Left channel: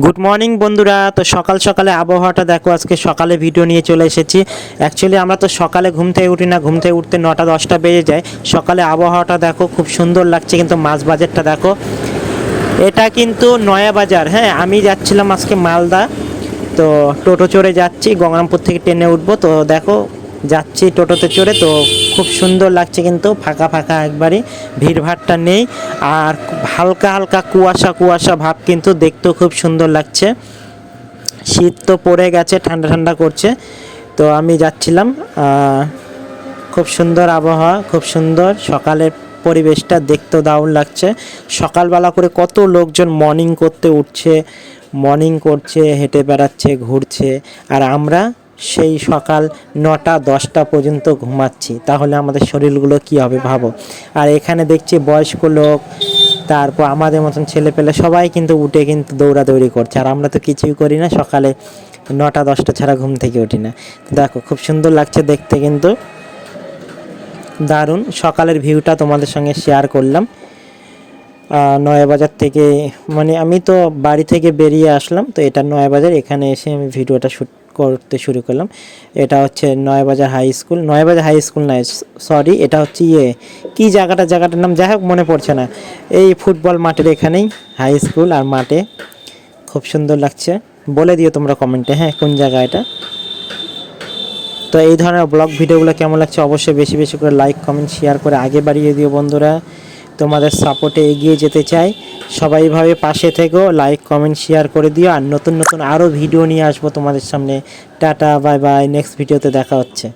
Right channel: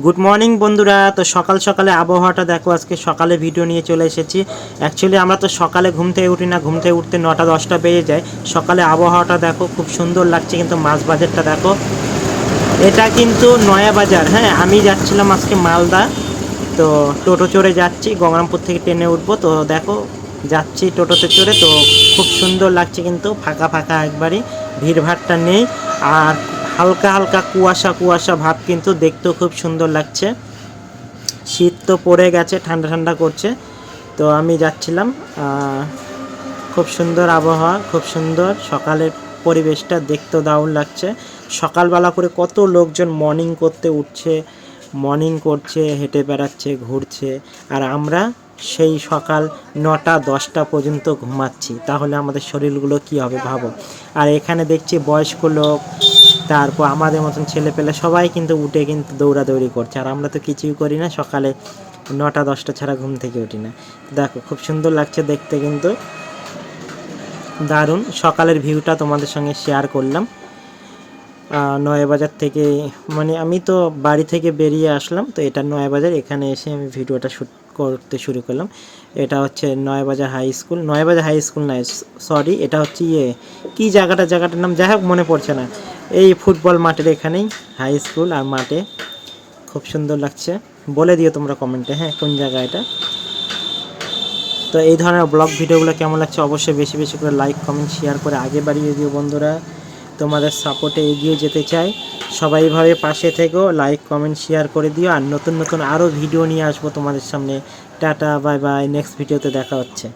Good morning বন্ধুরা। তো সকাল সকালে আবহাওয়াটা দেখো, আজকে সকালে ভিডিও নিয়ে চলে এসেছি। অ্যাকচুয়ালি আমরা তো সকালে ঘুম থেকে উঠি না, ঘুম থেকে উঠতে 9টা-10টা বেজে যায়। সকালে আবহাওয়াটা দেখো, খুব সুন্দর লাগছে। কিন্তু মাছ বাজারটা দেখো, এটা কিন্তু নয়া বাজার। হ্যাঁ, আমি যাচ্ছিলাম আজকে মালদা, তো টোটো চড়ে যাচ্ছি, গঙ্গারামপুর থেকে ট্রেনে উঠবো। তো দেখো যাচ্ছি টোটোতে চড়ে, তো খুব সুন্দর লাগছে, কিন্তু ফাঁকা ফাঁকা একবারই, ভিড়ভাড়টা নেই। আর হালকা হালকা কুয়াশা কুয়াশা ভাব, কিন্তু দেখতেও খুব সুন্দর লাগছে। শীত তো পড়ে গেছে, ঠান্ডা ঠান্ডা করছে। তো আমি যাচ্ছিলাম, খুব সুন্দর আবহাওয়া, খুব সুন্দর সকালের পরিবেশটা দেখতে দারুণ লাগছে। সকালবেলা করে কত লোকজন মর্নিং করতে উঠছে, মর্নিং করছে, হেঁটে বেড়াচ্ছে, ঘুরছে। আর আমরা সেই সকাল 9টা-10টা পর্যন্ত ঘুমাচ্ছি। তাহলে আমাদের শরীরগুলো কী হবে ভাবো। আর এখানে দেখছি বয়স্ক লোক, তারপর আমাদের মতন ছেলেপেলে সবাই কিন্তু উঠে কিন্তু দৌড়াদৌড়ি করছে। আর আমরা তো কিছুই করি না, সকালে 9টা-10টা ছাড়া ঘুম থেকে উঠি না। দেখো খুব সুন্দর লাগছে দেখতে, কিন্তু দারুণ। সকালের ভিউটা তোমাদের সঙ্গে শেয়ার করলাম। নয়াবাজার থেকে, মানে আমি তো বাড়ি থেকে বেরিয়ে আসলাম, তো এটা নয়াবাজার। এখানে এসে আমি ভিডিওটা শ্যুট করতে শুরু করলাম। এটা হচ্ছে Nayabazar high school, Nayabazar high school নয়, সরি, এটা হচ্ছে কী জায়গাটার নাম যাই হোক মনে পড়ছে না। এই ফুটবল মাঠের এখানেই হাই স্কুল, আর মাঠে খুব সুন্দর লাগছে। বলে দিও তোমরা কমেন্টে, হ্যাঁ, কোন জায়গা এটা। তো এই ধরনের ব্লগ ভিডিওগুলো কেমন লাগছে অবশ্যই বেশি বেশি করে লাইক কমেন্ট শেয়ার করে আগে বাড়িয়ে দিও বন্ধুরা। তোমাদের সাপোর্টে এগিয়ে যেতে চাই। সবাই ভাবে পাশে থেকো, লাইক কমেন্ট শেয়ার করে দিও। আর নতুন নতুন আরও ভিডিও নিয়ে আসবো তোমাদের সামনে। টাটা, বাই বাই, নেক্সট ভিডিওতে দেখা হচ্ছে।